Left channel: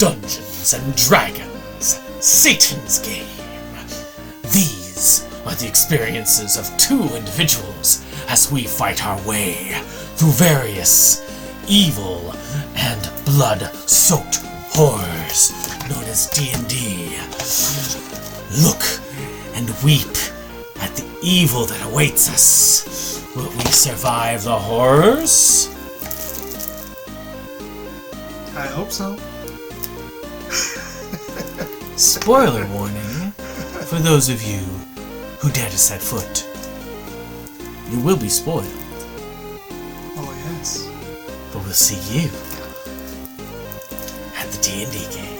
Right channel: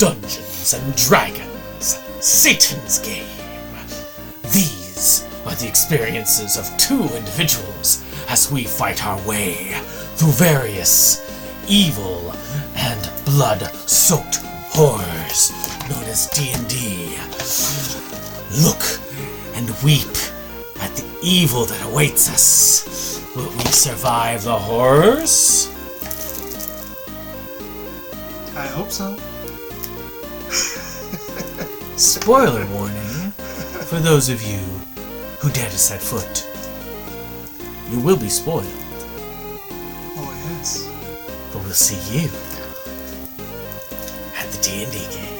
Dungeons and Dragons, Satan's Game. These are the experiences of two individuals as we fight our way through various evil and blood-soaked horrors known as D&D. Look and weep at the evil that awaits us. Will we survive the horrors? I hope so. Spoiler warning for those of you who dare to set foot. You will be spoiled. Oh, yes. But we'll see you at the D&D game.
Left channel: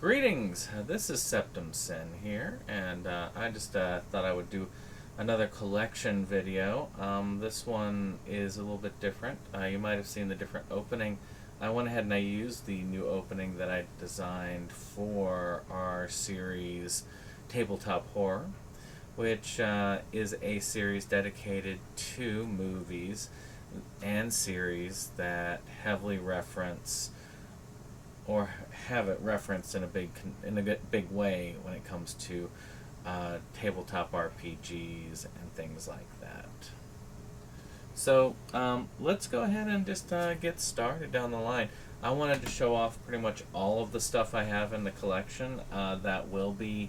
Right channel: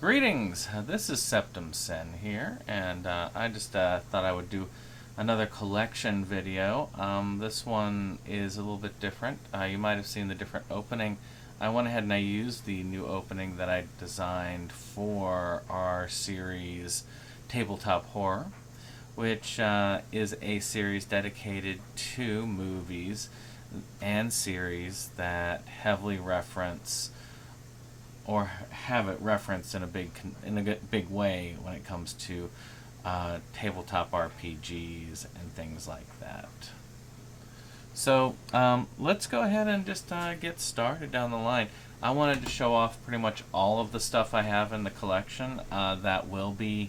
Greetings, this is SeptumSin here, and I just thought I would do another collection video. This one is a little bit different. You might have seen the different opening. I went ahead and I used the new opening that I designed for our series Tabletop Horror, which is a series dedicated to movies and series that heavily reference or have it referenced in a big way when it comes to tabletop RPGs and things like that. So let's go ahead and just get started down the line. I wanted to show off pretty much all of the stuff I have in the collection that will be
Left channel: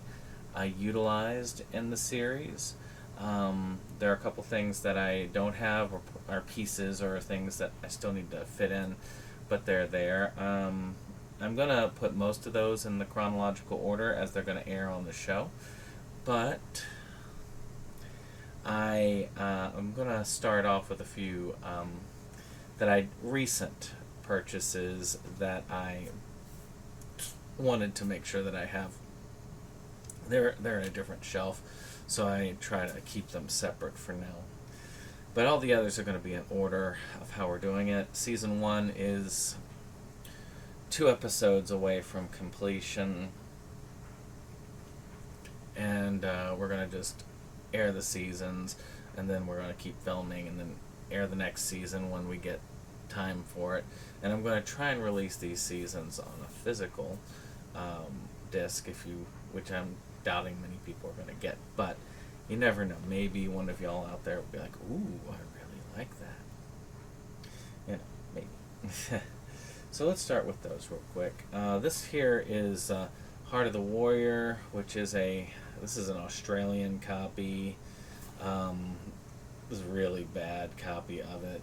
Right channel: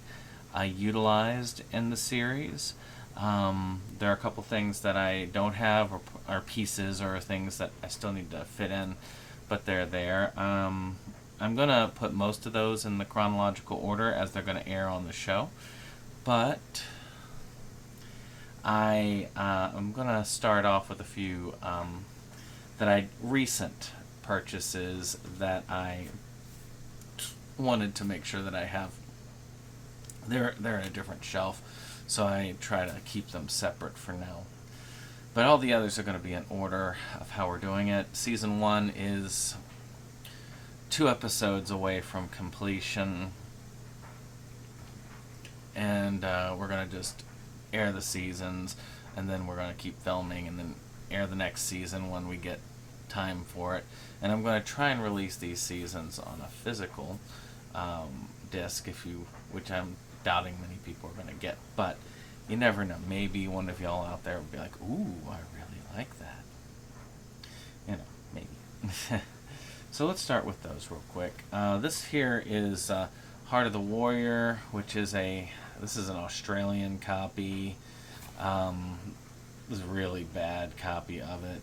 utilized in the series. There are a couple things that I don't have, or pieces or things that I still need to fit in, but they're there. I'm going to put most of those in the chronological order as they're going to air on the show, but I'm going to start off with a few recent purchases that I wanted to make sure that I have. They're in a different shelf, so I try to keep them separate for now. But all the others are going to be in order of how we're doing it. Season 1 is 2 episodes away from completion, and we're going to just air the seasons, and then we're going to keep filming and then air the next season when we get time for it. And I'm going to try and release these seasons on a physical disc, which I'm doubting many people are going to get, but you never know. Maybe one of y'all out there will be like, ooh, I really like that. You know, maybe. So let's start with those real quick. This here is Heart of the Warrior, which is this is an Australian copy. This is a really bad copy of it.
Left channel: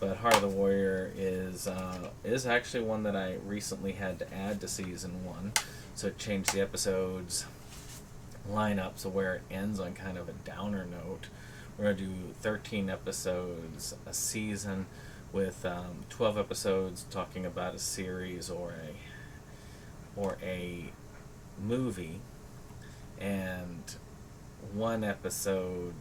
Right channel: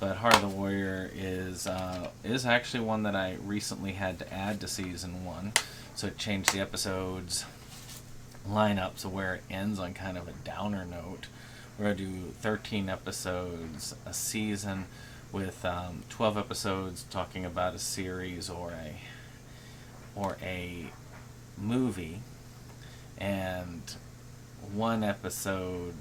But Heart of the Warrior is actually one that I recently had to add to season 1. So it changed the episodes lineup to where it ends on kind of a downer note. We're going to do 13 episodes a season, with 12 episodes talking about a series or a movie, and 1 episode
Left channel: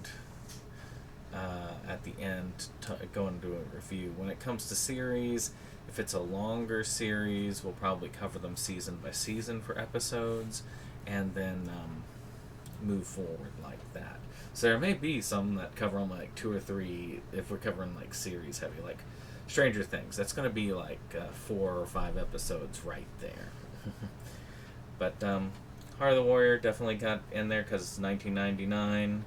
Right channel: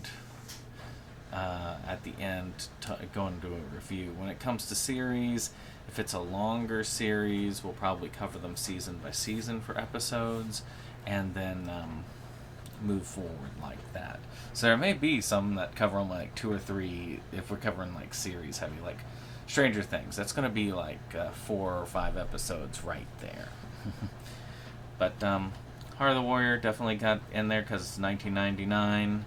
at the end going to do a review. When it comes to series, if it's a longer series, we'll probably cover them season by season for episodes, and then move forward like that. So there may be some that cover them like 2 or 3 if we're covering like series heavy, like Stranger Things. That's going to be like 4 or 5 episodes right there. But Heart of the Warrior definitely got in there because it's 1999,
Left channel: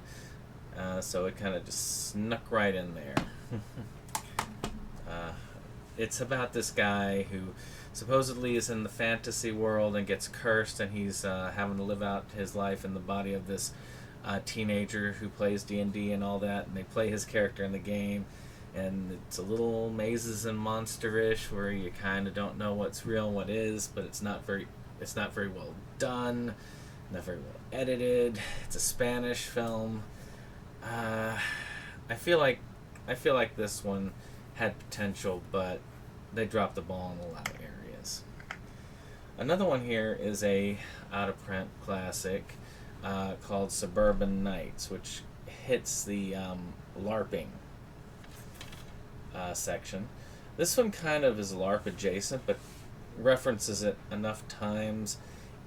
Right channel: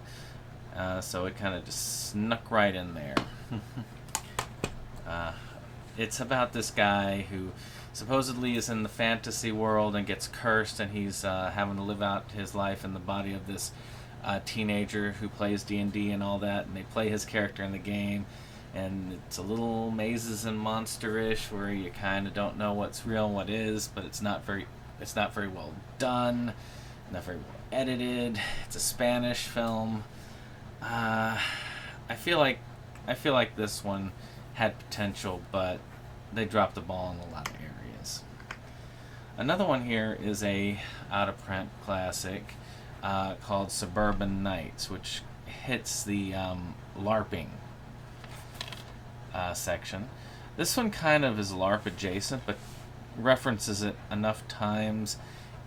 so it kind of just snuck right in there. It's about this guy who supposedly is in the fantasy world and gets cursed, and he's having to live out his life in the body of this teenager who plays D&D and all that, and they play his character in the game, and it's a little mazes and monsterish where you kind of don't know what's real and what is, but it's not very well done, not very well edited. It's a Spanish film. I feel like this one had potential, but they dropped the ball in a lot of areas. Another one here is a out-of-print classic called Suburban Nights, which hits the LARPing section. This one kind of is LARP adjacent, but references it enough times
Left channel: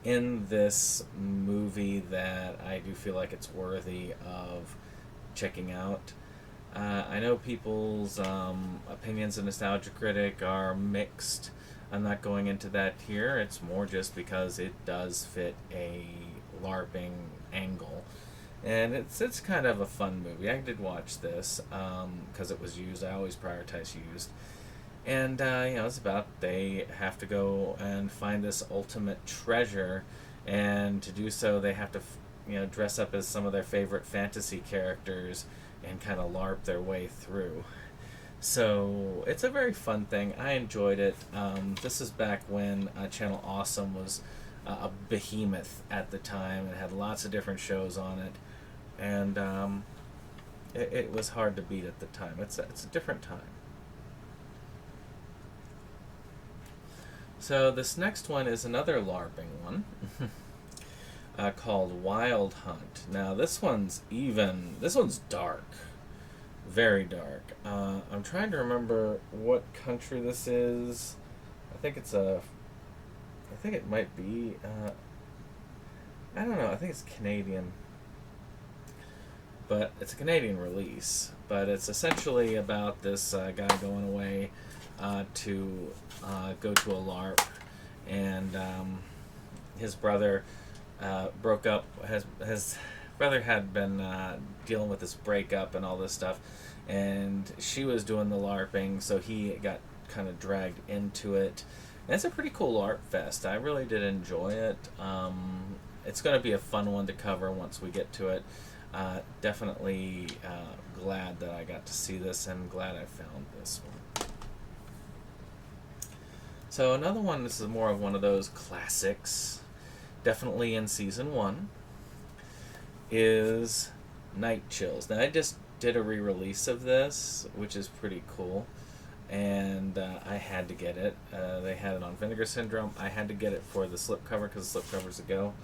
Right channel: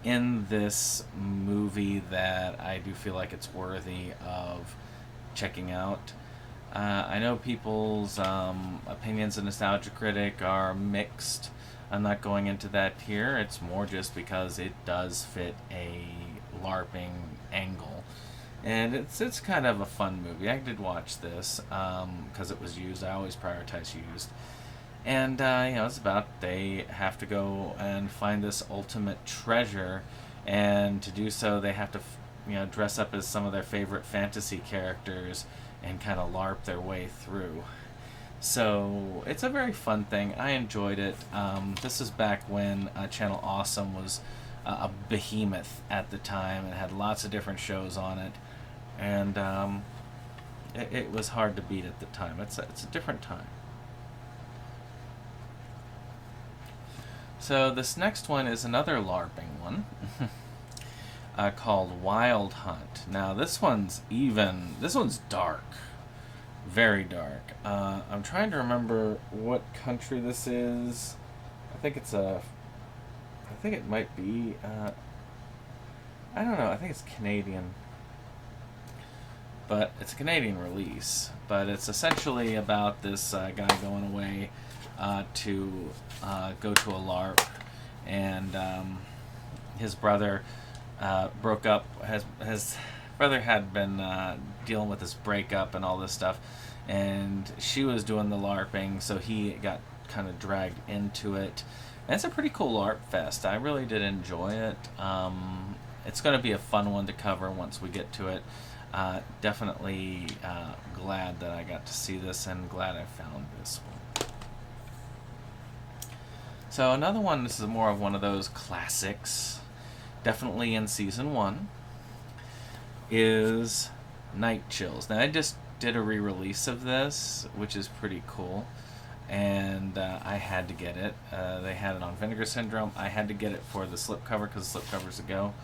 in this movie that I do feel like it's worthy of checking out. I know people's opinions of Nostalgia Critic are mixed. I'm not going into that here. It's more just because it does fit a LARPing angle. And it's kind of a fun movie. I did watch this because it was used. I always prioritize used. And, it's about they have to go and find this ultimate treasure. And to do so, they have to, dress up as some of their favorite fantasy characters and kind of LARP their way through. So it's a very fun thing. I enjoyed it. This is back when Channel Awesome was a behemoth at the time and had lots of different shows on it. And it was hard to beat at the time. It's a different time. So this next one is another LARPing one called Wild Hunt. Now this one's dark. Very dark. I'm trying to remember what country this is. I think it might be, I don't know, I think it's Canadian. But it's a Canadian release. But it's essentially about this guy going away to go to a LARP, and his brother broke up. His brother had been dealing with this breakup and all this stuff, and she was doing the LARPing, so he got kind of dragged into it. And it's a pretty cool LARP fest. I really did enjoy it. It's going to be a fun one to cover once we get to it. Definitely glad that I got to see this, and glad I found this one. So another one, this is more of one of those classics, definitely in season 1, is Night Chills. Now I just did a re-release of this, which is pretty cool, and I had to get it. They had it on Vinegar Syndrome. I had to get it for the slipcover because the slipcover's a go.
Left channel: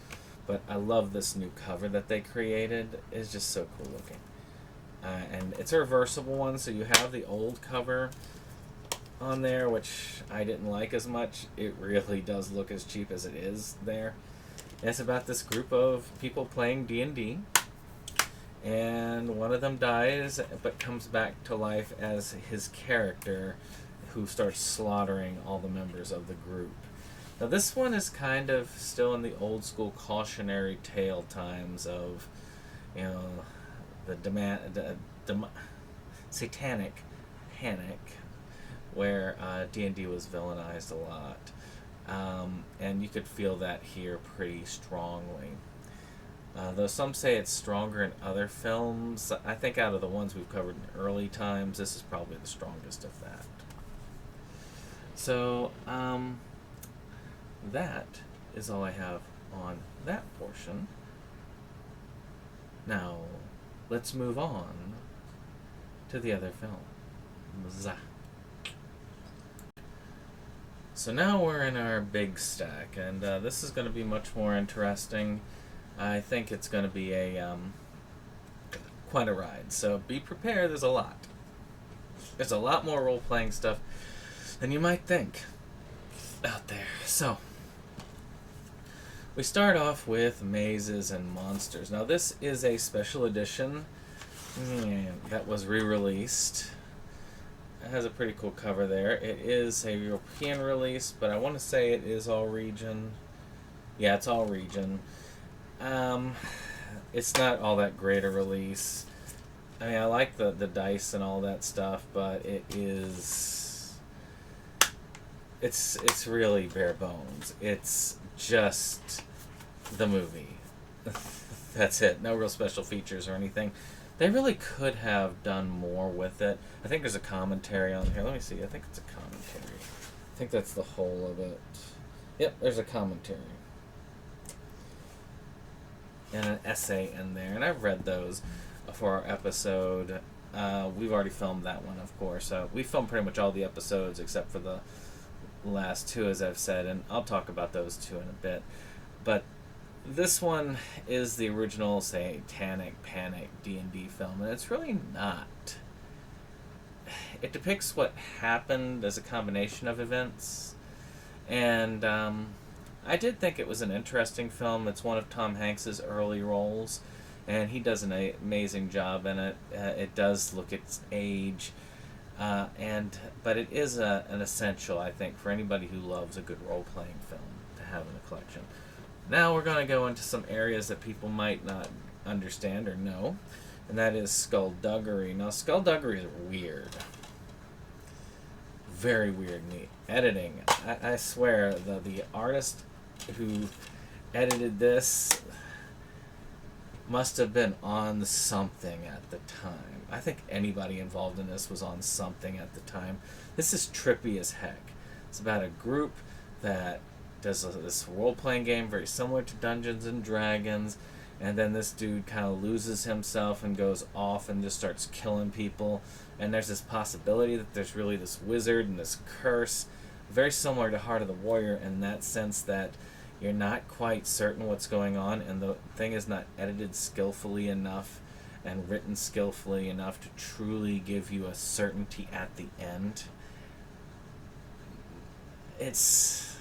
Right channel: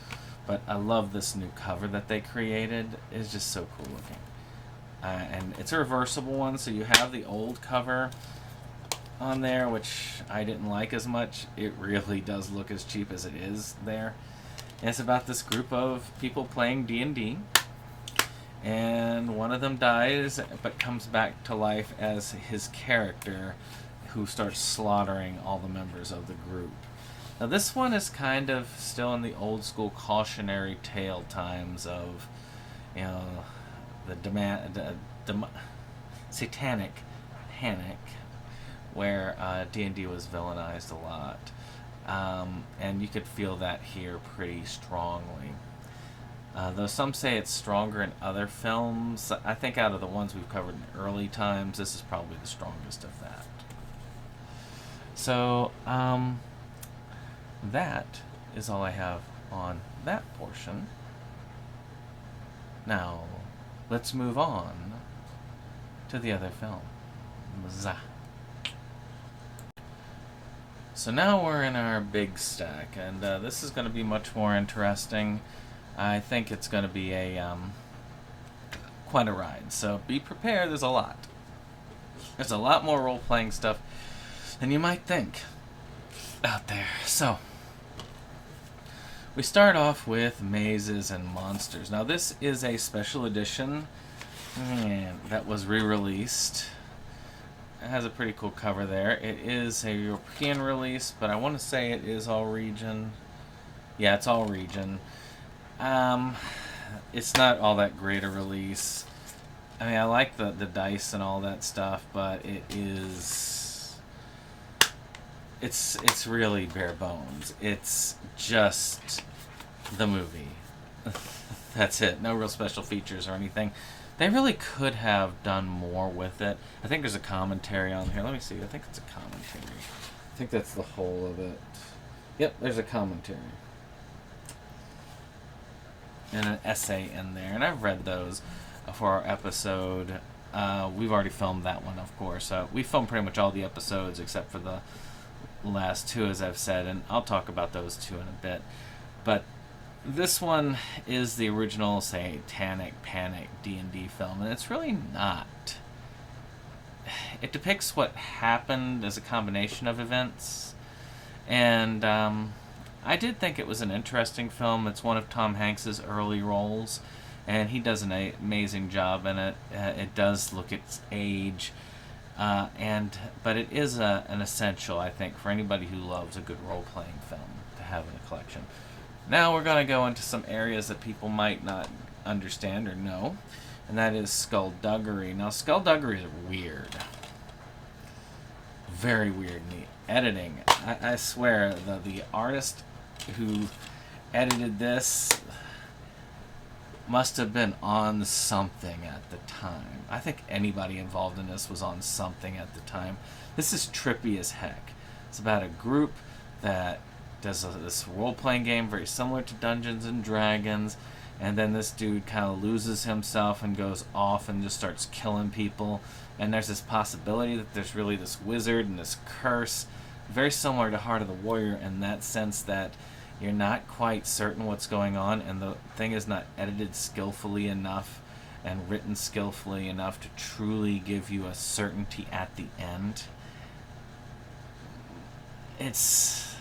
But I love this new cover that they created. It's just so cool looking. And it's a reversible one, so you have the old cover on there, which I didn't like as much. It really does look as cheap as it is there. And it's about this group of people playing D&D. And one of them dies, but comes back to life as his character, who starts slaughtering all the members of the group. Now this one is kind of still in the old school cautionary tale times of, the satanic panic, where D&D was villainized a lot, and you could feel that here pretty strongly. Though some say it's stronger in other films, I think out of the ones we've covered in early times, this is probably the strongest of that. So, that is all I have on that portion. Now, let's move on to the other film. So now we're in our big stack, and this is going to be much more interesting. I think it's going to be quite a ride, so be prepared. There's a lot. There's a lot more role-playing stuff than you might think out there. So, we start off with Mazes and Monsters. Now this is a special edition that was re-released. It has a pretty cool cover there. It is a European release, but I want to say it is all region. Yeah, it's all region. It's not all that great a release. I mean, I like the dice and all that stuff, but it's really bare bones. It's just the movie. That's it. No real special features or anything. They really could have done more with it. I think there's a commentary on here. Let me see. I think it's a commentary. I think that's the whole of it. Yep, there's a commentary. And an essay in there. And I've read those for our episode. We've already filmed that one, of course. We filmed pretty much all the episodes except for the last two, as I've said. And I'll talk about those two in a bit. But this one is the original Satanic Panic D&D film. And it's really not. It depicts what happened as a combination of events. And I did think it was an interesting film. It's one of Tom Hanks's early roles. and he does an amazing job in it. It does look its age, but it is an essential, I think, for anybody who loves a good role-playing film to have in a collection. Now we're going to go into some areas that people might not understand or know, and that is skullduggery. Now, skullduggery is weird. Very weird. Editing. I swear, the artist who edited this must have been on something at the time. I think anybody involved in this was on something at the time. This is trippy as heck. It's about a group that does this role-playing game very similar to Dungeons and Dragons, and then this dude kind of loses himself and goes off and just starts killing people, and there's this possibility that there's really this wizard and this curse, very similar to Heart of the Warrior in that sense that you're not quite certain what's going on, and the thing is not edited skillfully enough and written skillfully enough to truly give you a certainty at the end. It's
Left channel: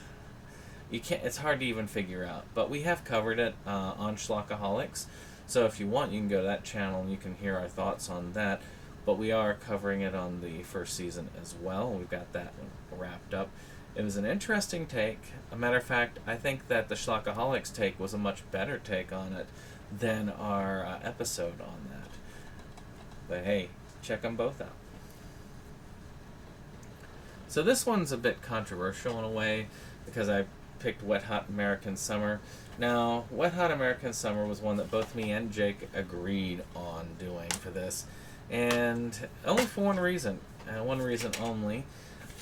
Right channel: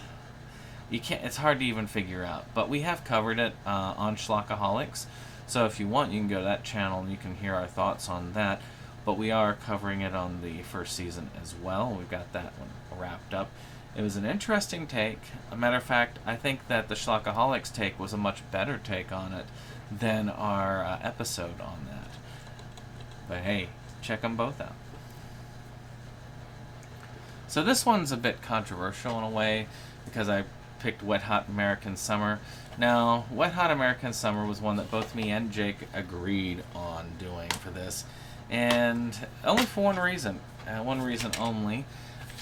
hard to even figure out, but we have covered it on Schlockaholics, so if you want you can go to that channel and you can hear our thoughts on that, but we are covering it on the first season as well. We've got that one wrapped up. It was an interesting take. A matter of fact, I think that the Schlockaholics take was a much better take on it than our episode on that. But hey, check them both out. So this one's a bit controversial in a way because I picked Wet Hot American Summer. Now, Wet Hot American Summer was one that both me and Jake agreed on doing for this, and only for one reason only,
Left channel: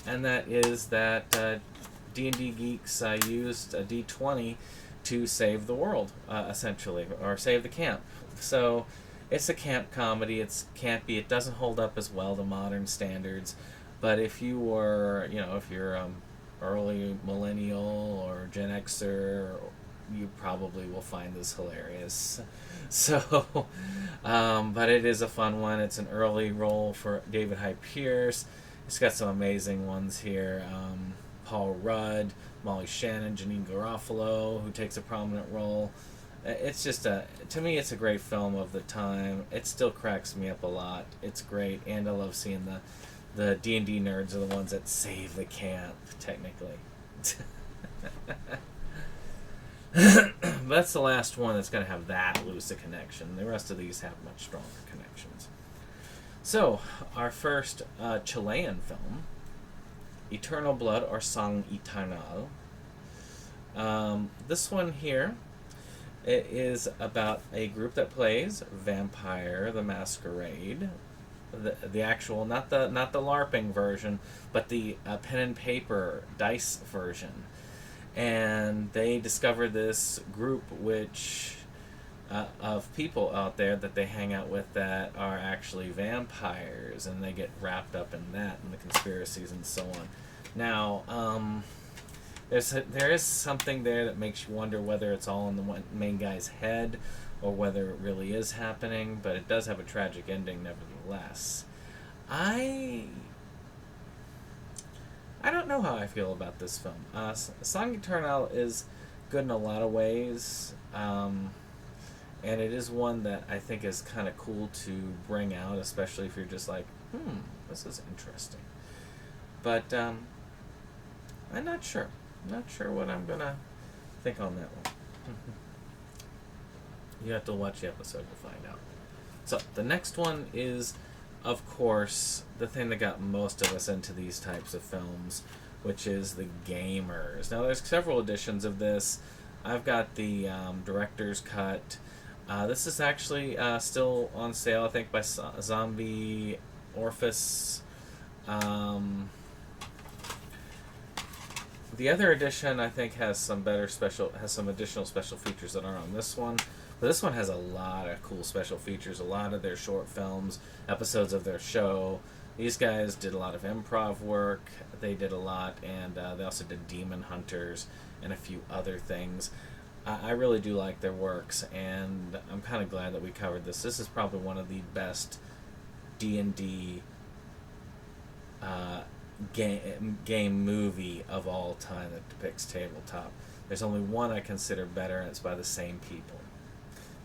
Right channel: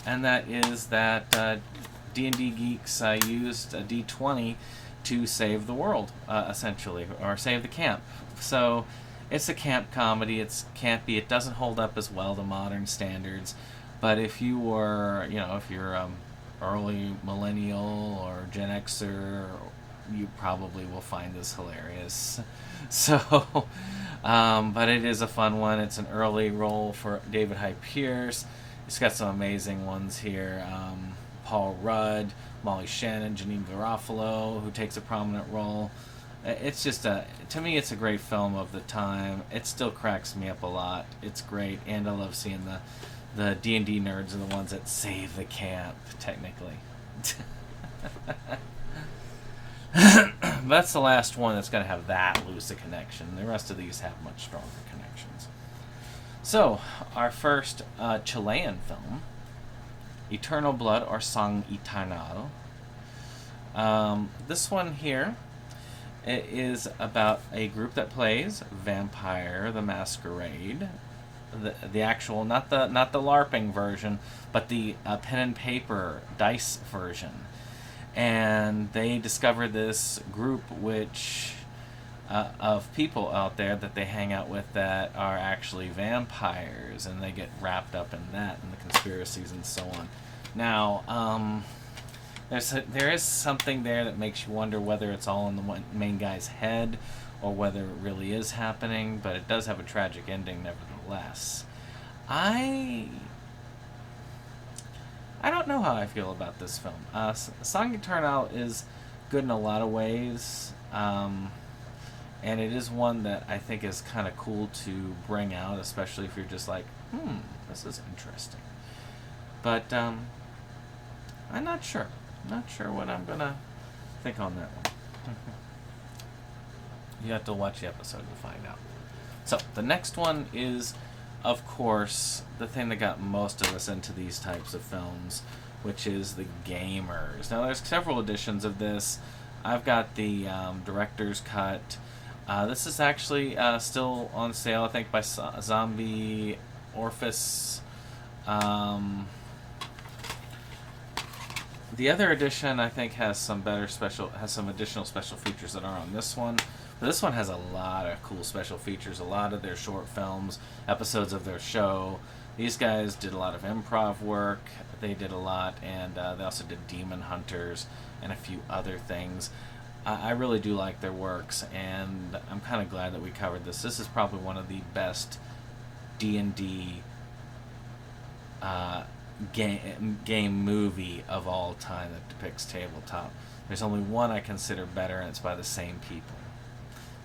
and that is that D&D Geeks used a D20 to save the world, essentially, or save the camp. So it's a camp comedy, it's campy, it doesn't hold up as well to modern standards, but if you were, if you're early millennial or Gen Xer, you probably will find this hilarious. So, but it is a fun one. It's an early role for David Hyde Pierce. It's got some amazing ones here. Paul Rudd, Molly Shannon, Janine Garofalo, who takes a prominent role. It's just to me, it's a great film of the time. It still cracks me up a lot. It's great, and I love seeing the D&D nerds are the ones that save the camp, technically. That's the last one that's going to have that loose a connection. The rest of these have much stronger connections. So, our first Chilean film, Eternal Blood, or Sang Eternal. This one here, it is about a group that plays Vampire the Masquerade. The actual, not the LARPing version, but the pen and paper dice version. And they discover this group of people out there that they hang out with that are actually vampires, and they get wrapped up in that and the conspiracies and so on. Now, there is something there that makes you wonder whether it's all in the main guy's head or whether it really is happening, but it does have a tragic ending nevertheless. I don't know how I feel about this film. Sang Eternal is good in a lot of ways, and it is one that I think is kind of cool to bring out, especially if you're just like, this is interesting. But I'm not sure. Not sure what I'm going to think on that one. You have to watch the episode to find out. So, the next one is, of course, the thing that got most of us into these types of films, which is The Gamers. Now, there's several editions of this. I've got the director's cut. This is actually still on sale, I think, by Zombie Orphis. The other edition, I think, has some additional special features that aren't on this one. But this one has a lot of cool special features, a lot of their short films, episodes of their show. These guys did a lot of improv work. They did a lot, and they also did Demon Hunters and a few other things. I really do like their works, and I'm kind of glad that we covered this. This is probably one of the best D&D game movie of all time that depicts tabletop. There's only one I consider better, and it's by the same people.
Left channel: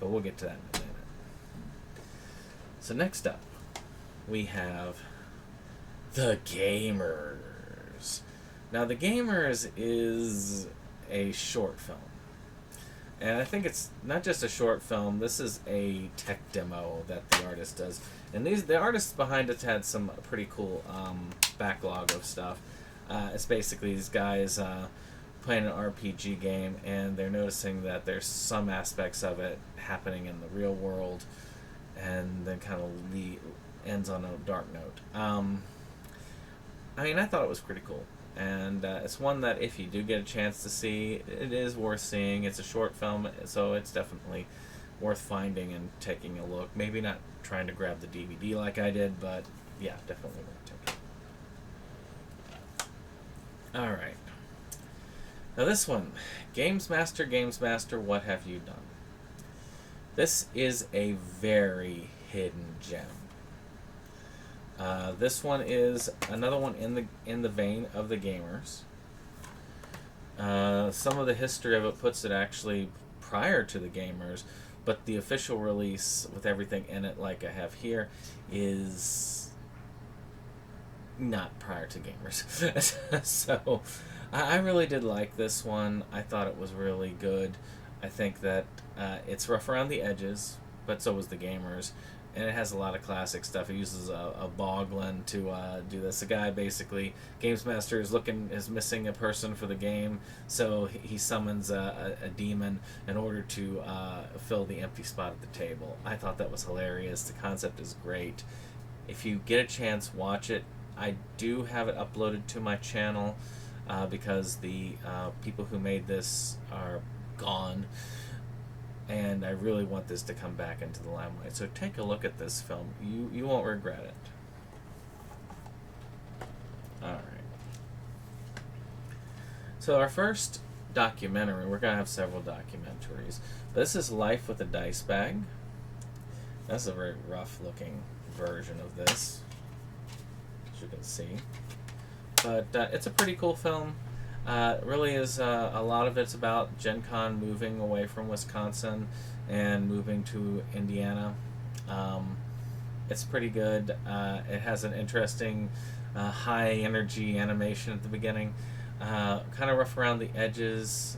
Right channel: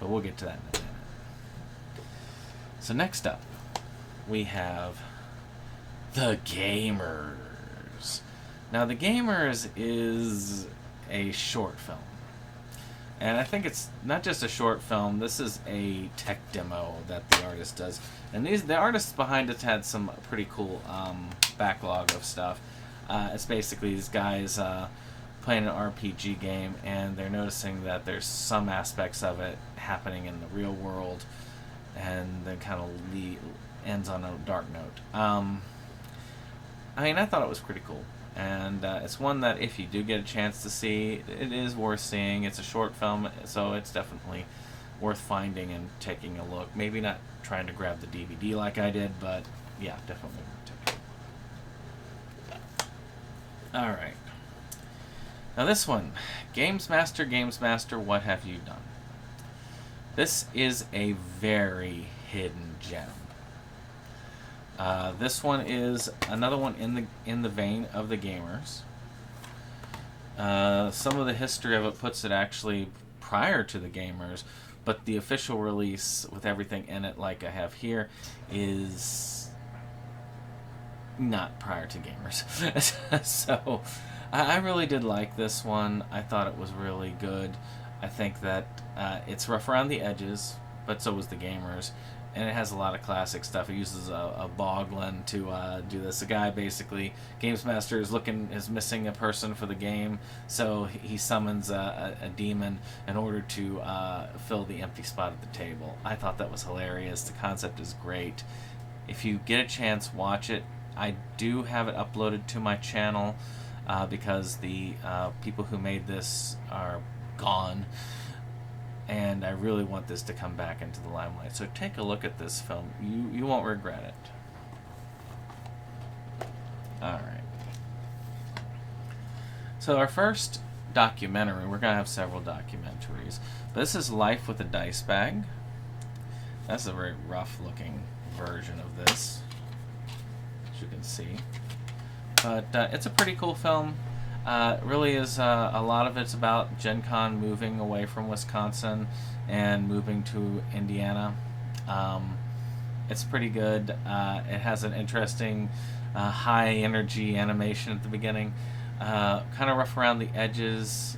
But we'll get to that in a minute. So next up, we have The Gamers. Now, The Gamers is a short film. And I think it's not just a short film, this is a tech demo that the artist does. And the artists behind it had some pretty cool backlog of stuff. It's basically these guys playing an RPG game, and they're noticing that there's some aspects of it happening in the real world, and then kind of ends on a dark note. I mean, I thought it was pretty cool. And it's one that if you do get a chance to see, it is worth seeing. It's a short film, so it's definitely worth finding and taking a look. Maybe not trying to grab the DVD like I did, but yeah, definitely worth taking. Alright. Now this one, Games Master, what have you done? This is a very hidden gem. This one is another one in the vein of The Gamers. Some of the history of it puts it actually prior to The Gamers, but the official release with everything in it, like I have here, is not prior to Gamers. So I really did like this one. I thought it was really good. I think that it's rough around the edges, but so was The Gamers. And it has a lot of classic stuff. It uses a boglin to do this. The guy basically, Games Master is missing a person for the game, so he summons a demon in order to fill the empty spot at the table. I thought that was hilarious. The concept is great. If you get a chance, watch it. I do have it uploaded to my channel because the people who made this are gone. And I really want this to come back into the limelight. So take a look at this film. You won't regret it. Alright. So our first documentary, we're going to have several documentaries. This is Life with a Dice Bag. That's a very rough looking version of this, as you can see. But it's a pretty cool film. It really is, a lot of it's about Gen Con moving away from Wisconsin and moving to Indiana. It's pretty good. It has an interesting high energy animation at the beginning. Kind of rough around the edges.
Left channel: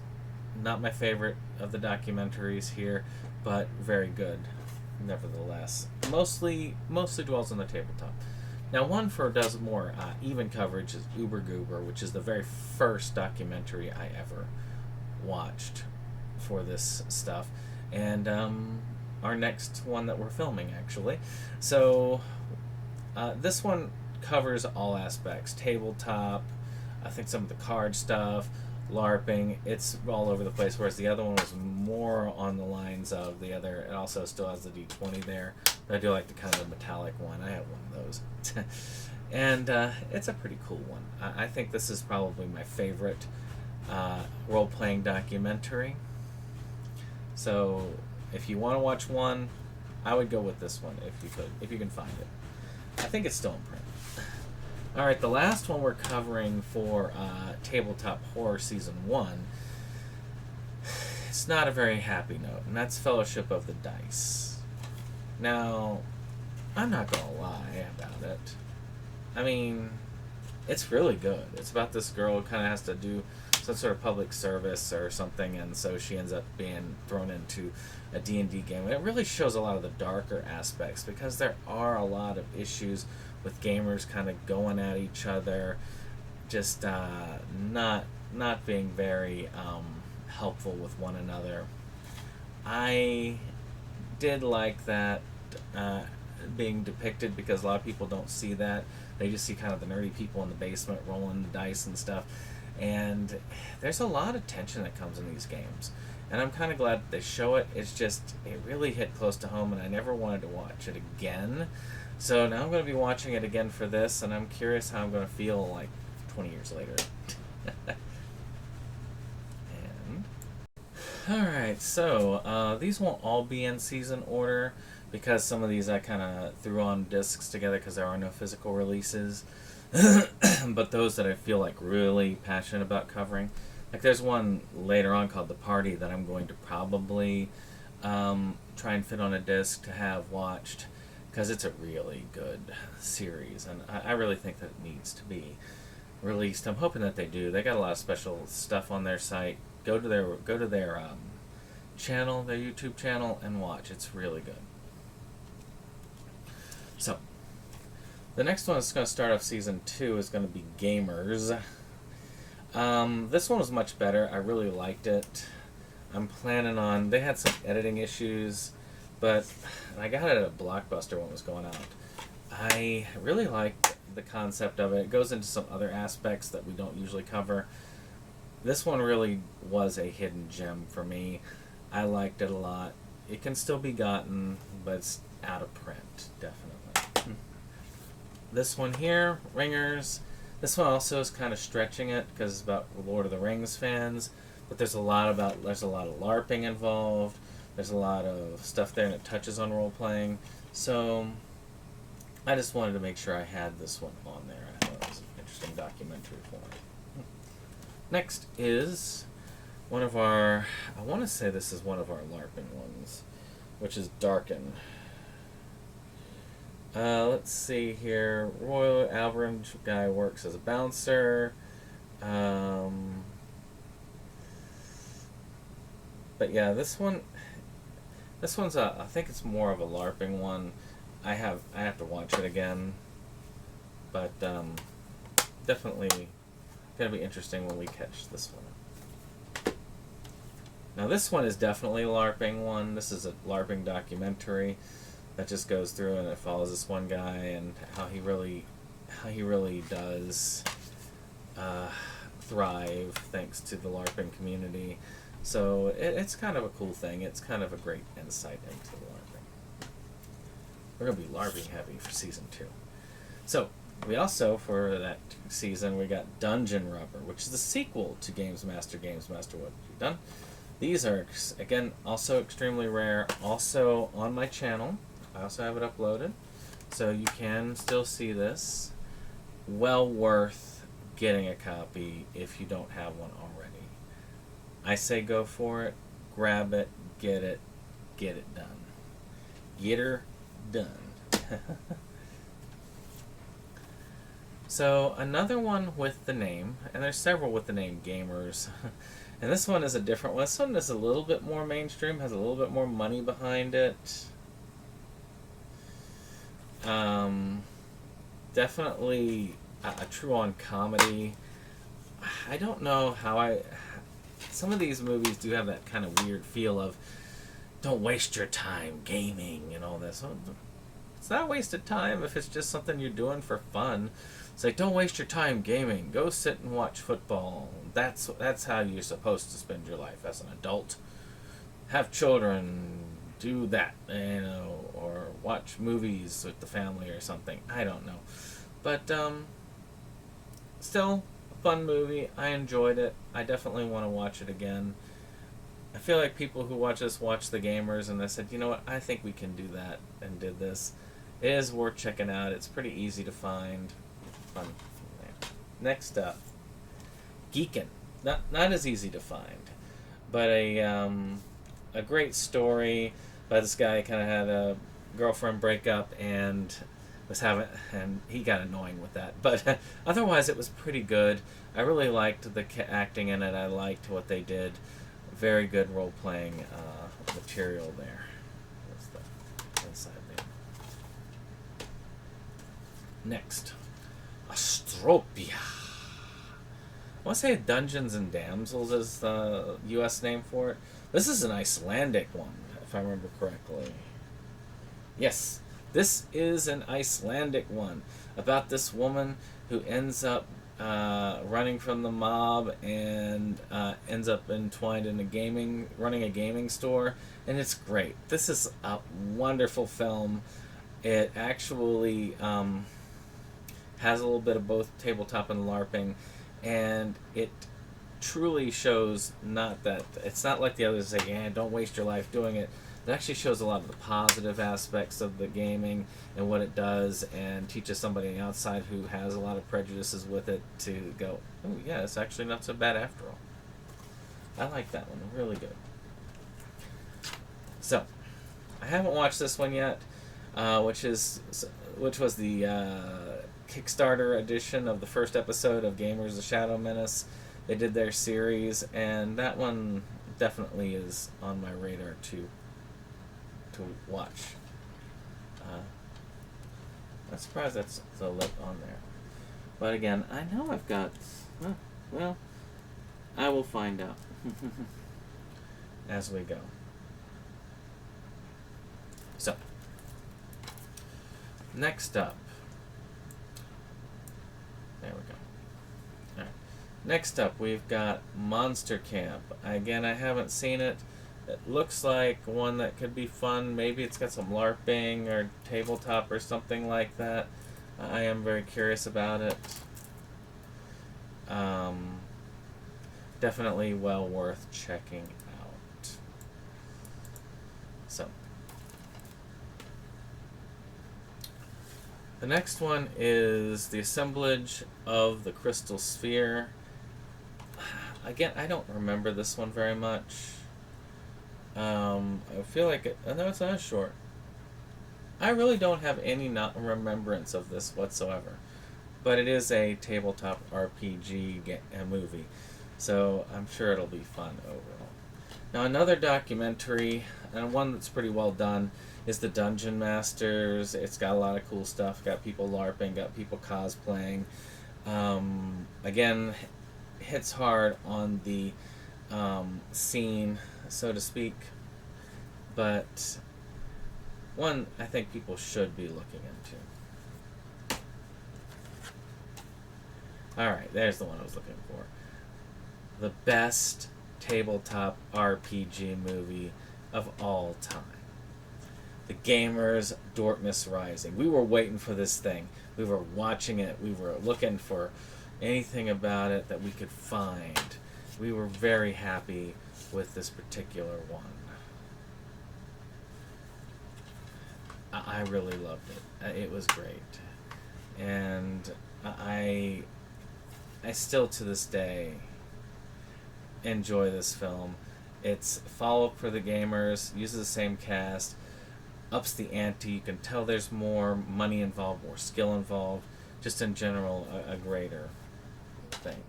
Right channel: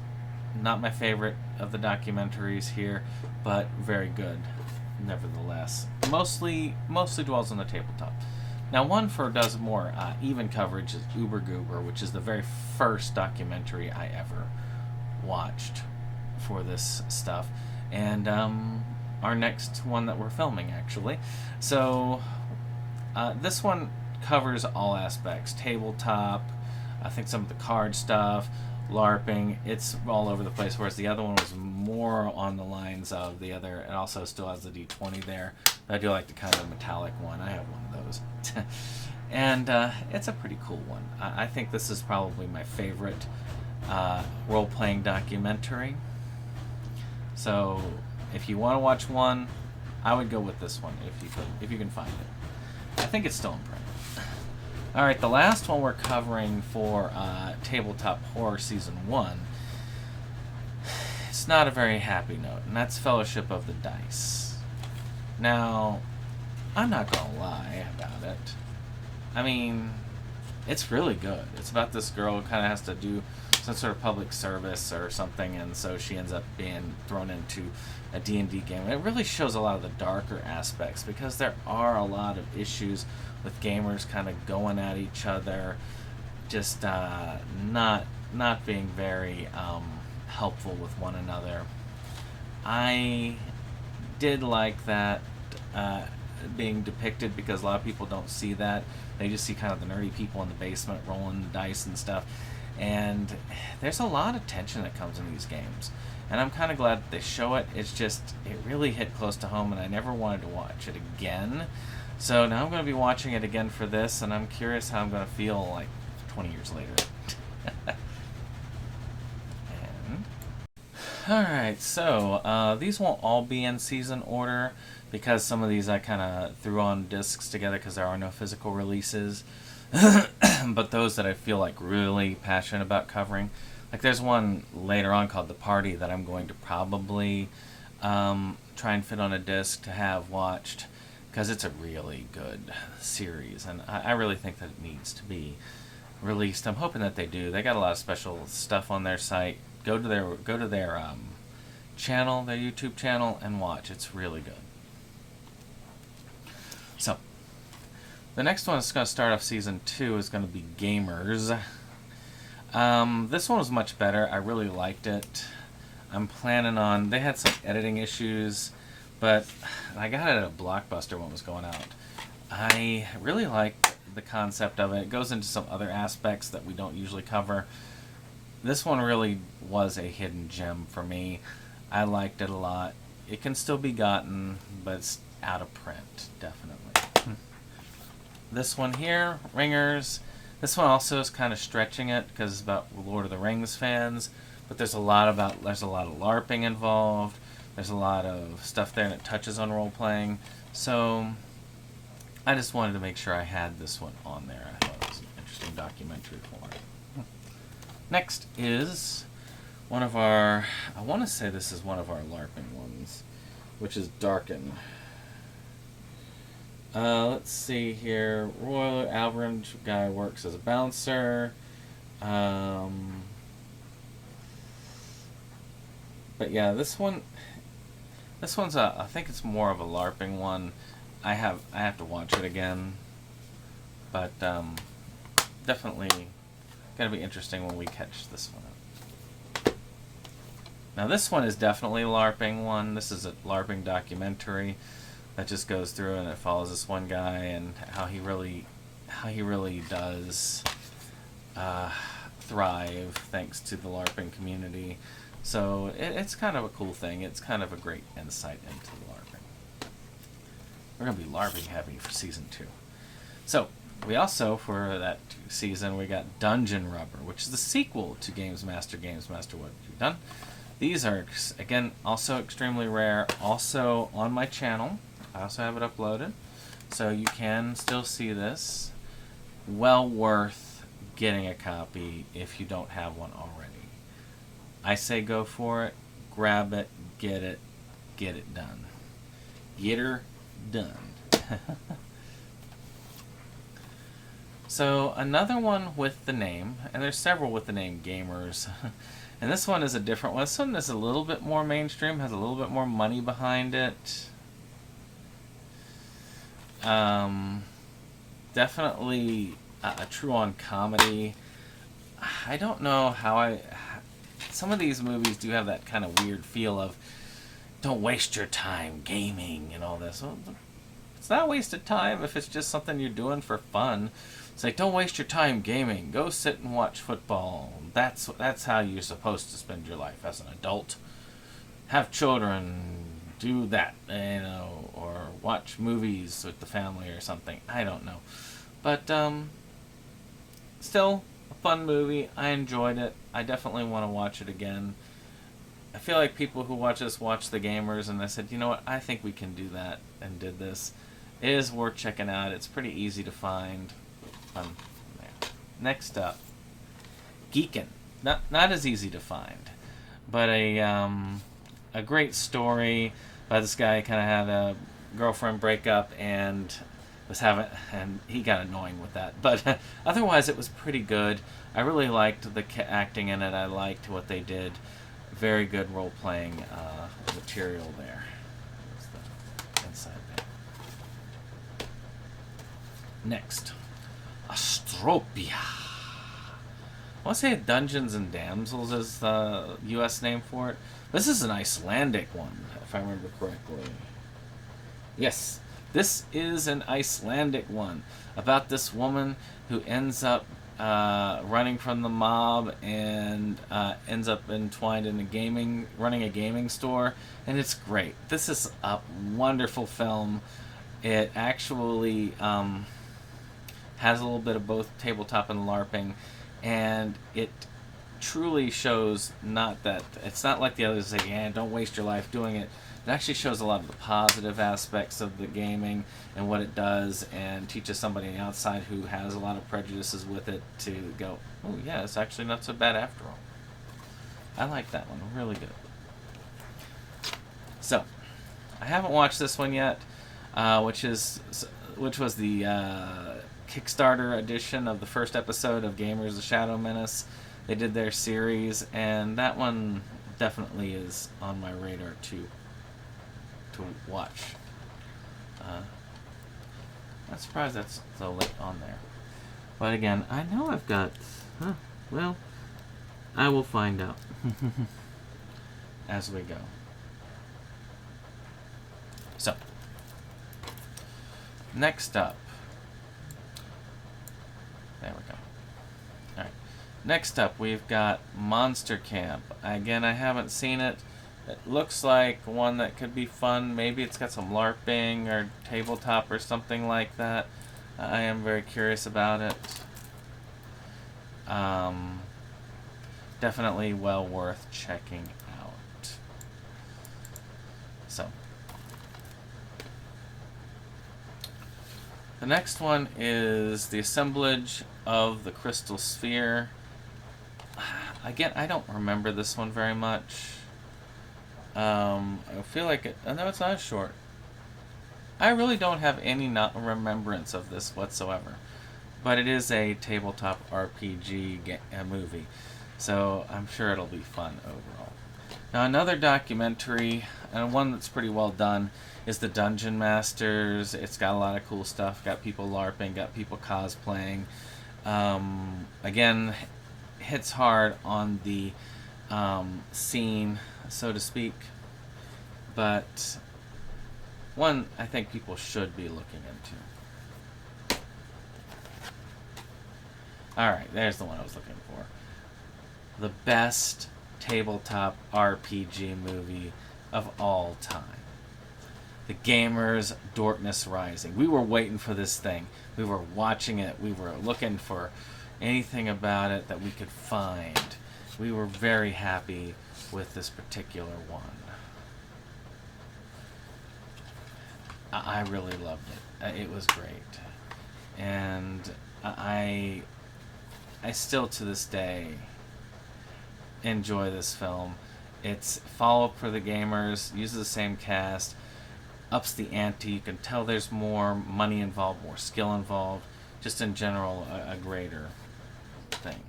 Not my favorite of the documentaries here, but very good nevertheless. Mostly dwells on the tabletop. Now, one does more even coverage is Uber Goober, which is the very first documentary I ever watched for this stuff, and our next one that we're filming, actually. So, this one covers all aspects. Tabletop, I think some of the card stuff, LARPing, it's all over the place, whereas the other one was more on the lines of the other. It also still has the D20 there. I do like the kind of metallic one. I have one of those. And it's a pretty cool one. I think this is probably my favorite role-playing documentary. So if you want to watch one, I would go with this one if you can find it. I think it's still in print. Alright, the last one we're covering for Tabletop Horror Season 1, it's not a very happy note, and that's Fellowship of the Dice. Now, I'm not going to lie about it. I mean, it's really good. It's about this girl who kind of has to do some sort of public service or something, and so she ends up being thrown into a D&D game. And it really shows a lot of the darker aspects, because there are a lot of issues with gamers kind of going at each other, just not being very helpful with one another. I did like that being depicted, because a lot of people don't see that. They just see kind of the nerdy people in the basement rolling the dice and stuff. And there's a lot of tension that comes in these games. And I'm kind of glad that they show it. It's just, it really hit close to home, and I never wanted to watch it again. So now I'm going to be watching it again for this, and I'm curious how I'm going to feel like 20 years later. Alright, so these won't all be in season order, because some of these I kind of threw on discs together because there are no physical releases. But those that I feel like really passionate about covering, like there's one later on called The Party that I'm going to probably try and fit on a disc to have watched, because it's a really good series, and I really think that it needs to be released. I'm hoping that they do. They got a lot of special stuff on their site. Go to their channel, their YouTube channel, and watch. It's really good. So, the next one is going to start off season 2 is going to be Gamers. This one was much better. I really liked it. I'm planning on... They had some editing issues, but I got it at a Blockbuster when it was going out. I really liked the concept of it. It goes into some other aspects that we don't usually cover. This one really was a hidden gem for me. I liked it a lot. It can still be gotten, but it's out of print, definitely. This one here, Ringers. This one also is kind of stretching it because it's about Lord of the Rings fans, but there's a lot of LARPing involved. There's a lot of stuff there that touches on role playing. So I just wanted to make sure I had this one on there. I thought it was an interesting documentary for it. Next is one of our, I want to say this is one of our LARPing ones, which is Darken. Let's see here. Royal Albert guy works as a bouncer. But yeah, this one's I think it's more of a LARPing one. I have to watch it again, but definitely gonna be interesting when we catch this one. Now this one is definitely a LARPing one. This is a LARPing documentary that just goes through and it follows this one guy and how he really does thrive thanks to the LARPing community. So it's kind of a cool thing. It's kind of a great insight into LARPing. We're going to be LARPing heavy for season 2. So we also, for that season, we got Dungeon Rubber, which is the sequel to Games Master, What You've Done. These are, again, also extremely rare. Also on my channel. I also have it uploaded. So you can still see this. Well worth getting a copy if you don't have one already. I say go for it, grab it, get it done. Get her done. So another one with the name, and there's several with the name Gamers, and this one is a different one. This one is a little bit more mainstream, has a little bit more money behind it. Definitely a true-on comedy. I don't know how some of these movies do have that kind of weird feel of don't waste your time gaming and all this. Well, it's not a waste of time if it's just something you're doing for fun. It's like, don't waste your time gaming. Go sit and watch football. That's how you're supposed to spend your life as an adult. Have children, do that, or watch movies with the family or something. I don't know. But still a fun movie. I enjoyed it. I definitely want to watch it again. I feel like people who watch this watch the Gamers and they said, you know what, I think we can do that, and did this. It is worth checking out. It's pretty easy to find. Fun there. Next up, Geekin'. Not as easy to find, but a great story by this guy. Kind of had a girlfriend breakup and he got annoying with that. But otherwise, it was pretty good. I really liked the acting in it. I liked what they did. Very good role-playing material there. There's the inside there. Next, Astropia. I want to say Dungeons and Damsels is the U.S. name for it. This is an Icelandic one, if I remember correctly. Yes, this is an Icelandic one about this woman who ends up running from the mob and ends up entwined in running a gaming store, and it's great. This is a wonderful film. It actually has a little bit of both tabletop and LARPing, and it truly shows it's not like the others say, yeah, don't waste your life doing it. It actually shows a lot of the positive aspects of the gaming and what it does, and teaches somebody on the outside who has a lot of prejudices with it to go, oh yeah, it's actually not so bad after all. I like that one, really good. So, I haven't watched this one yet. which was the Kickstarter edition of the first episode of Gamers: The Shadow Menace. They did their series, and that one definitely is on my radar to watch. I'm surprised that's so late on there. But again, I know I've got... well, I will find out as we go. So, next up. There we go. Alright. Next up, we've got Monster Camp. Again, I haven't seen it. It looks like one that could be fun. Maybe it's got some LARPing or tabletop or something like that. I am very curious about it. Definitely well worth checking out. So, the next one is the assemblage of the Crystal Sphere. Again, I don't remember this one very much. I feel like I know it's not short. I really don't have any remembrance of this whatsoever. But it is a tabletop RPG movie. So I'm sure it'll be fun overall. Now another documentary, and one that's pretty well done, is the Dungeon Masters. It's got a lot of cool stuff. Got people LARPing, got people cosplaying. Again, hits hard on the scene, so to speak. But one I think people should be looking into. Alright, there's the one I was looking for. The best tabletop RPG movie of all time. The Gamers Dortmus Rising. We were waiting for this thing. We were watching it. We were looking for anything about it that we could find. We were very happy with this particular one. I really loved it. It was great. And I still to this day enjoy this film. It's follow-up for the gamers, uses the same cast, ups the ante. You can tell there's more money involved, more skill involved. Just in general, a greater thing.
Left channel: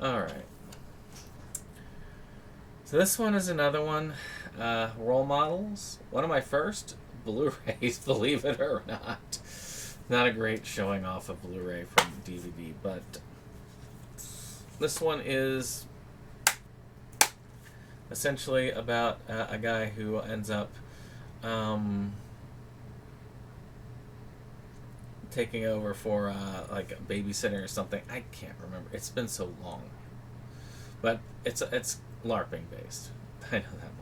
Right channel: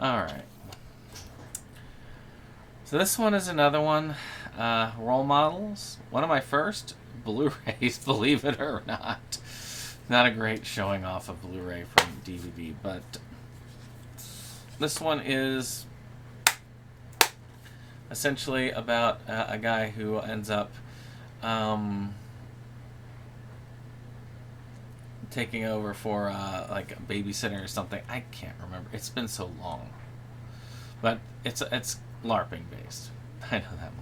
Alright. So this one is another one. Role models. One of my first Blu-rays, believe it or not. Not a great showing off of Blu-ray from DVD, but this one is essentially about a guy who ends up taking over for like a babysitter or something. I can't remember. It's been so long, but it's LARPing based. I know that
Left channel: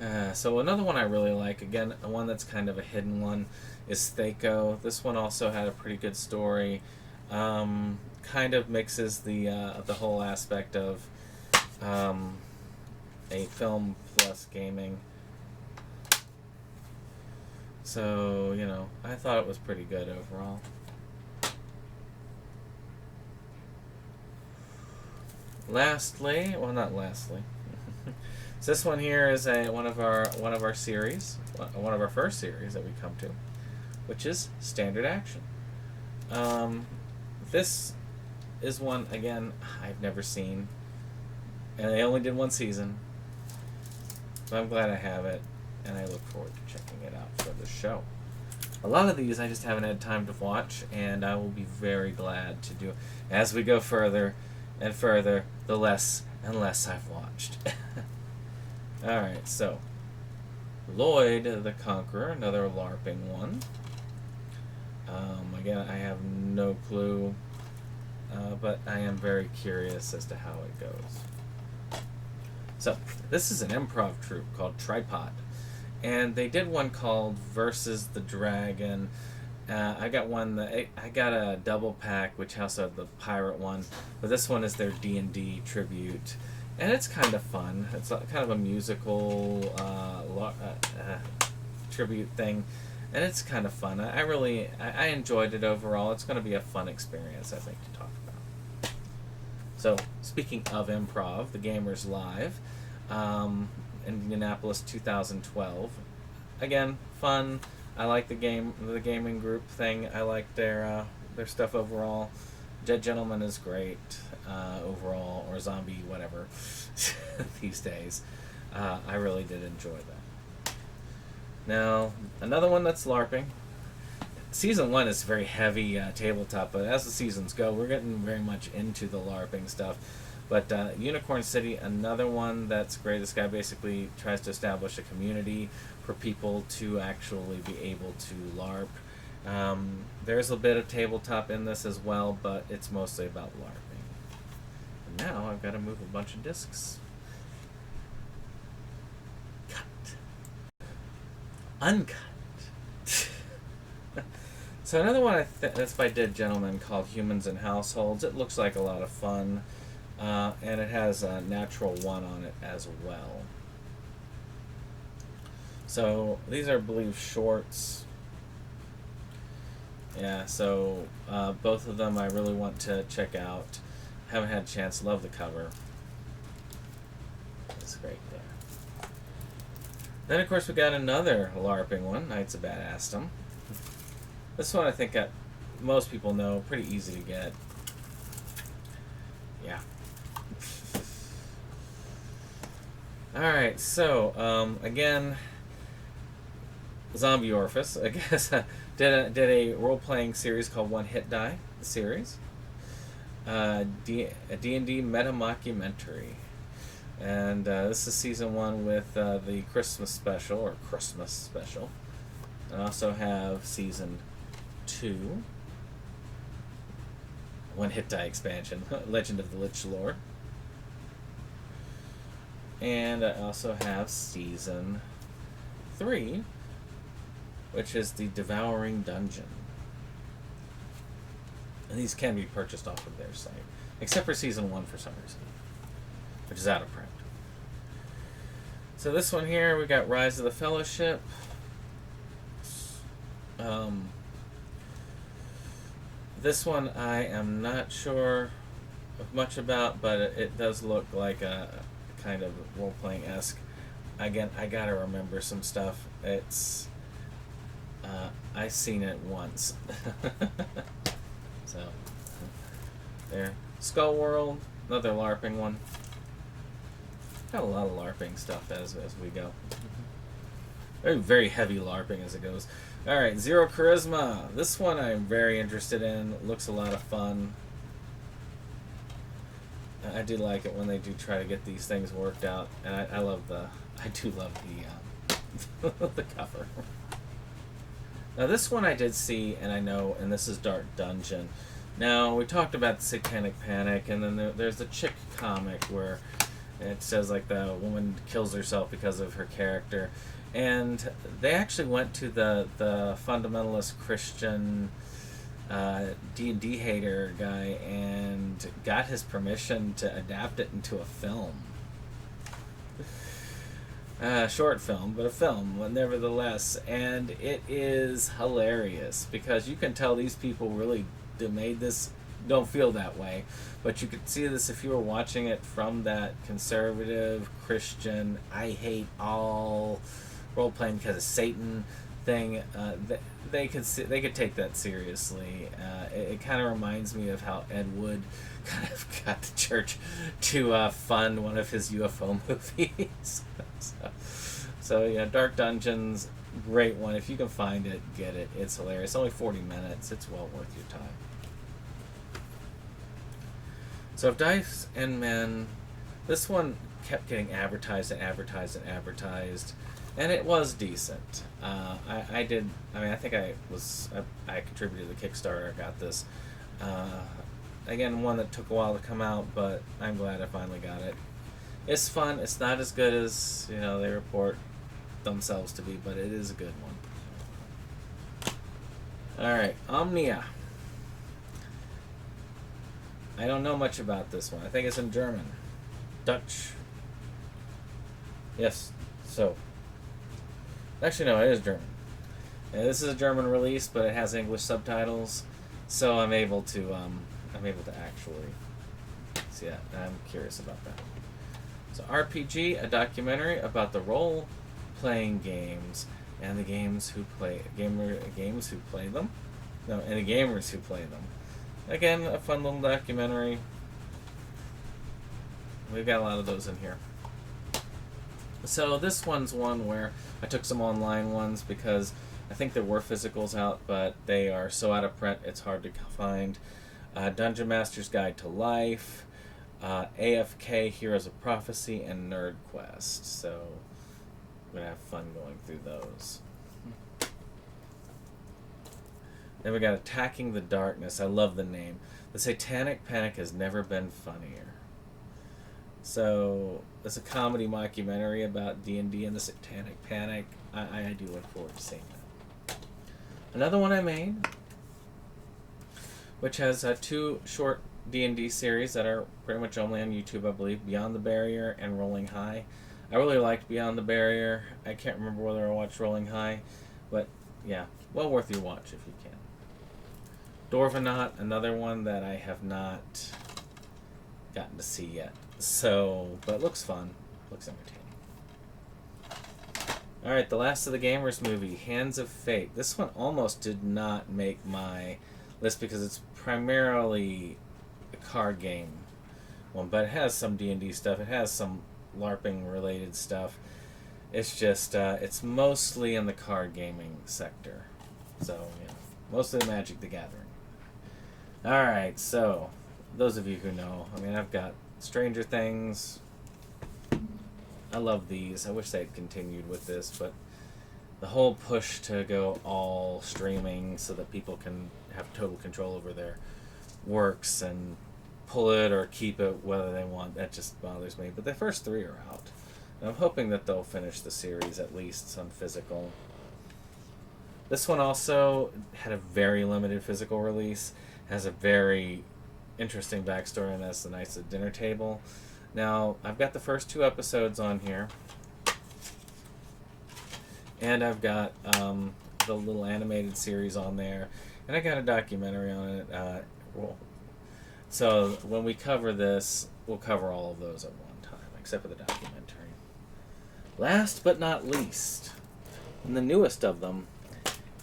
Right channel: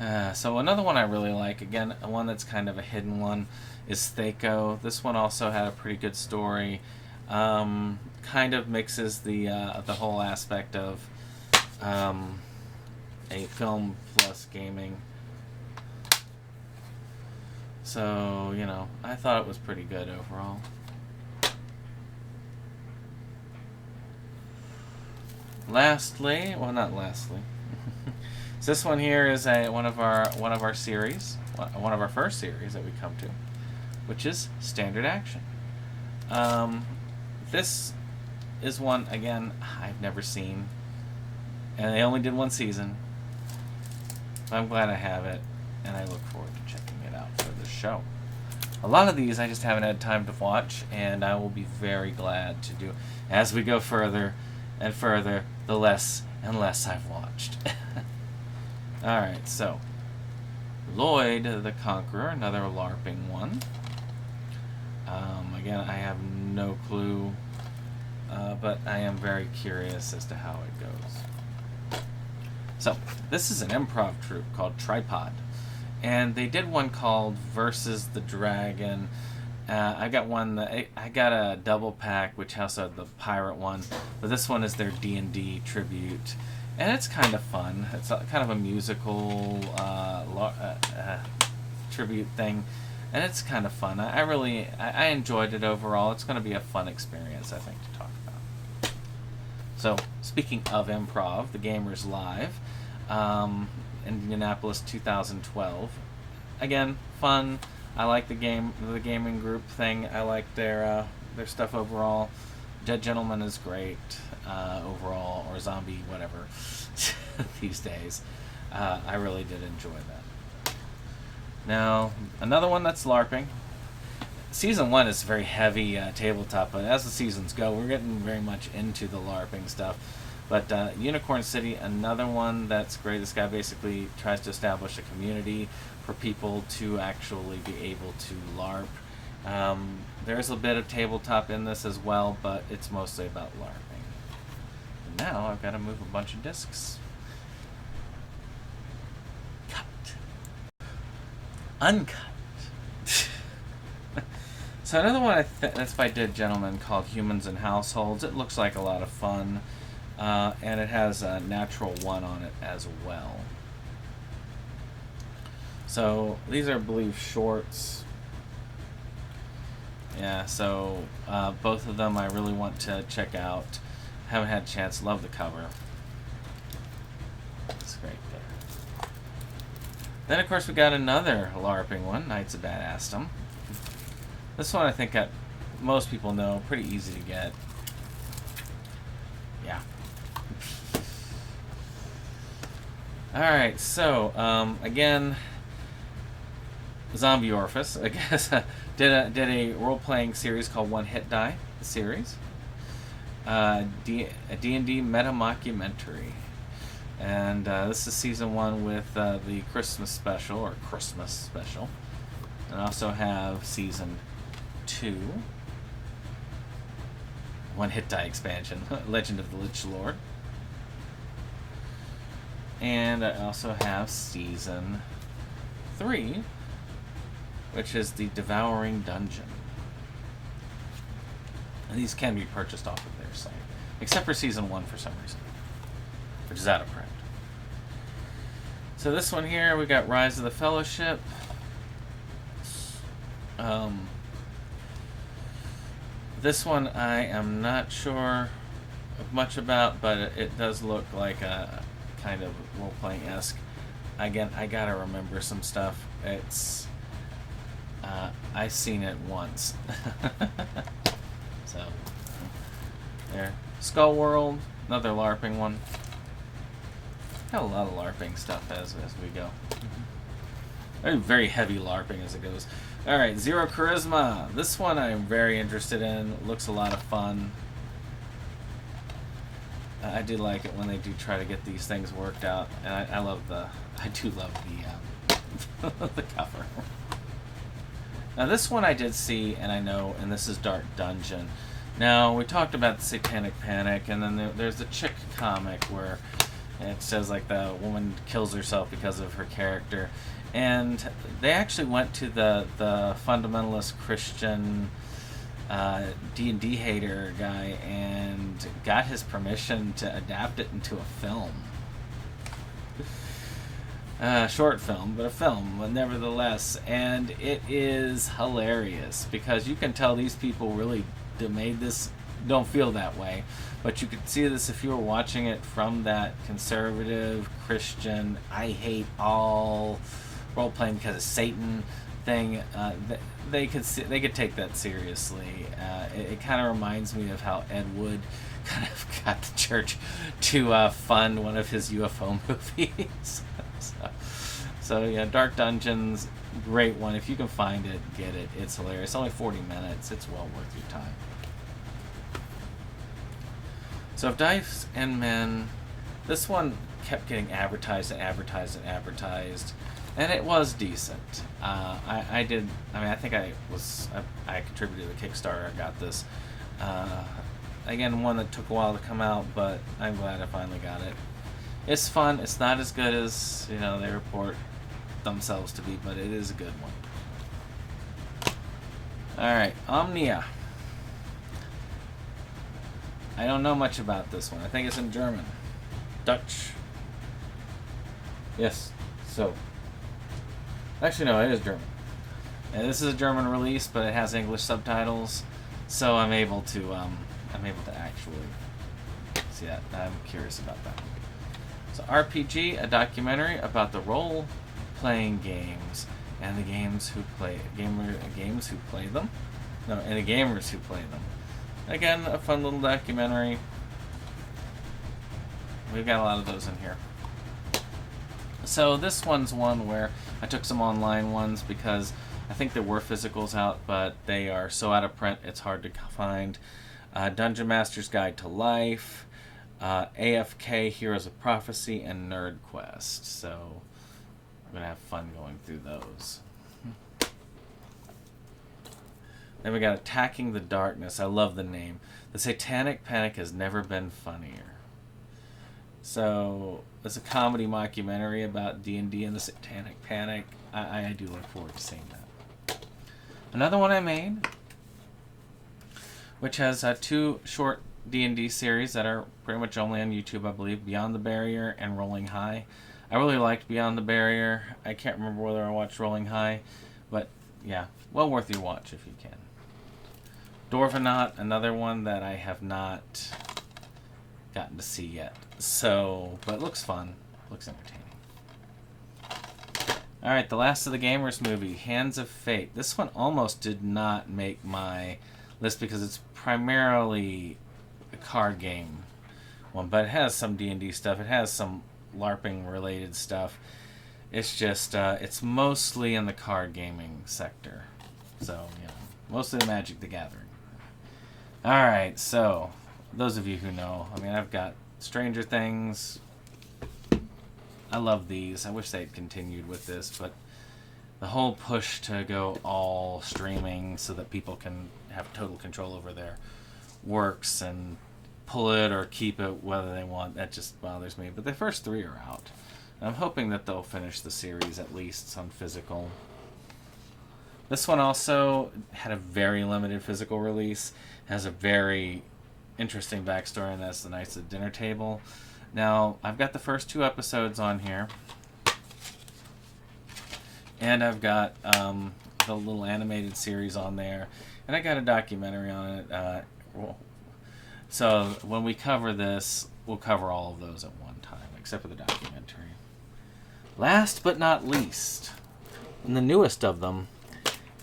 much. So another one I really like, again, one that's kind of a hidden one, is Thaco. This one also had a pretty good story. Kind of mixes the whole aspect of a film plus gaming. So, you know, I thought it was pretty good overall. Lastly, well, not lastly. So this one here is one of our series, one of our first series that we come to, which is Standard Action. This is one, again, I've never seen, and they only did one season. So I'm glad I have it, and I look forward to checking it out for the show. A lot of these I just haven't had time to watch, and I will be very glad to do. As we go further and further, the less and less I've watched. Alright, so Lloyd the Conqueror, another LARPing one. Again, I have no clue, but I am very curious as to how it goes. So, this is an improv troupe called Tripod, and they did one called Versus the Dragon. I got one that I got a double pack, which also had the pirate one, but this one is their D&D tribute, and it's kind of fun. It's kind of a musical tribute thing, and it's kind of fun. I enjoyed it overall. It's going to be a fun experience, I think, to talk about. So, speaking of improv, the Gamers Live, Indianapolis 2012. Again, fun. I like the gaming group thing. I like their stuff overall. Dead Gentleman is great overall, or zombie, whatever, these days. I really did enjoy that. Now, another one that's LARPing. Season 1 is very heavy tabletop, but as the seasons go, we're getting very much into the LARPing stuff. But Unicorn City, another one that's great. This guy basically tries to establish a community for people to actually be able to LARP. There's a bit of tabletop in this as well, but it's mostly about LARPing. And now I've got to move a bunch of discs. Cut. Uncut. So another one that's by Dead Gentleman called Humans and Households. It looks like a lot of fun, and it has a natural 1 on it as well. So these are, I believe, shorts. Yeah, so both of them I really want to check out. Haven't had a chance. Love the cover. It's great there. Then of course we got another LARPing one, Knights of Badassdom. This one I think most people know, pretty easy to get. Yeah. Alright, so again, Zombie Orifice, I guess, did a role-playing series called One Hit Die, the series. A D&D meta-mockumentary. And this is season 1 with the Christmas special. And I also have season 2, One Hit Die expansion, Legend of the Lich Lord. And I also have season 3, which is the Devouring Dungeon. And these can be purchased off of their site, except for season 1 for some reason, which is out of print. So this one here, we got Rise of the Fellowship. This one I am not sure much about, but it does look like a kind of role-playing-esque. Again, I gotta remember some stuff. It's I've seen it once. So there, Skull World, another LARPing one. Got a lot of LARPing stuff as we go. Very heavy LARPing as it goes. Alright, Zero Charisma. This one I'm very interested in. It looks a lot of fun. I do like it when they do try to get these things worked out, and I do love the the cover. Now this one I did see, and I know, and this is Dark Dungeon. Now we talked about the Satanic Panic, and then there's the chick comic where it says like the woman kills herself because of her character. And they actually went to the fundamentalist Christian D&D hater guy and got his permission to adapt it into a film. Short film, but a film, but nevertheless. And it is hilarious because you can tell these people really made this, don't feel that way. But you could see this if you were watching it from that conservative Christian, I hate all role-playing because of Satan thing. They could take that seriously. It kind of reminds me of how Ed Wood kind of got the church to fund one of his UFO movies. So yeah, Dark Dungeons, great one. If you can find it, get it. It's hilarious. Only 40 minutes. It's well worth your time. So if Dice and Men, this one kept getting advertised, and it was decent. I think I contributed to the Kickstarter. I got this. Again, one that took a while to come out, but I'm glad I finally got it. It's fun. It's not as good as they report themselves to be, but it is a good one. All right, Omnia. I don't know much about this one. I think it's in German, Dutch. Yes. So. Actually, no, it is German. And this is a German release, but it has English subtitles, so I'm able to actually see that. I'm curious about that. So RPG, a documentary about the role-playing games and the games who play games who play them. No, and the gamers who play them. Again, a fun little documentary. We've got a lot of those in here. So this one's one where I took some online ones because I think there were physicals out, but they are so out of print it's hard to find. Dungeon Master's Guide to Life, AFK, Heroes of Prophecy, and Nerd Quest. So I'm going to have fun going through those. Then we got Attacking the Darkness. I love the name. The Satanic Panic has never been funnier. So it's a comedy mockumentary about D&D and the Satanic Panic. I do look forward to seeing that. Another one I made, which has 2 short D&D series that are pretty much only on YouTube, I believe, Beyond the Barrier and Rolling High. I really liked Beyond the Barrier. I can't remember whether I watched Rolling High, but yeah, well worth your watch if you can. Dwarvenaut, another one that I have not gotten to see yet. So, but it looks fun. Looks entertaining. Alright, the last of the Gamers movie, Hands of Fate. This one almost did not make my list because it's primarily a card game one, but it has some D&D stuff. It has some LARPing related stuff. It's just, it's mostly in the card gaming sector. So, yeah, mostly the Magic the Gathering. Alright, so, those of you who know, I mean, I've got Stranger Things. I love these. I wish they'd continued with this, but the whole push to go all streaming so that people can have total control over their works and pull it or keep it whether they want, that just bothers me. But the first 3 are out. And I'm hoping that they'll finish the series at least on physical. This one also had a very limited physical release. Has a very interesting backstory, and that's the Knights at Dinner Table. Now, I've got the first 2 episodes on here. And I've got the little animated series on there. And I got a documentary on it. So when we cover this, we'll cover all of those at one time, except for the documentary. Last but not least, and the newest of them,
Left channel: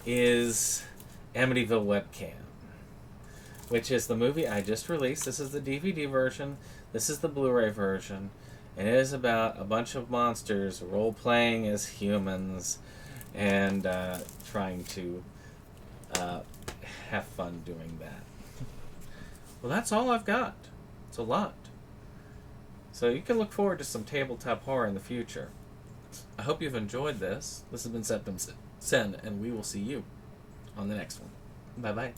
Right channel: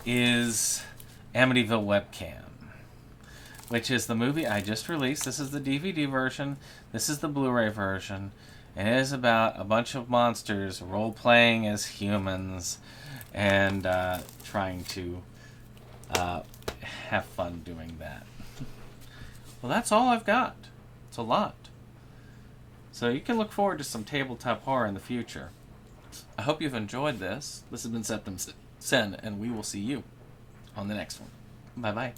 is Amityville Webcam, which is the movie I just released. This is the DVD version. This is the Blu-ray version. And it is about a bunch of monsters role-playing as humans and trying to have fun doing that. Well, that's all I've got. It's a lot. So you can look forward to some tabletop horror in the future. I hope you've enjoyed this. This has been SeptumSin, and we will see you on the next one. Bye-bye.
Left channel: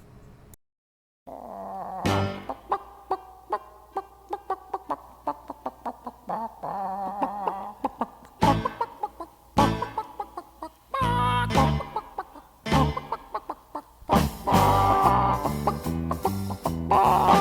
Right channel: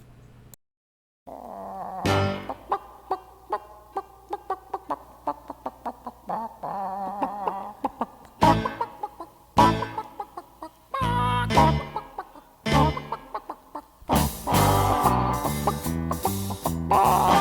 Bye.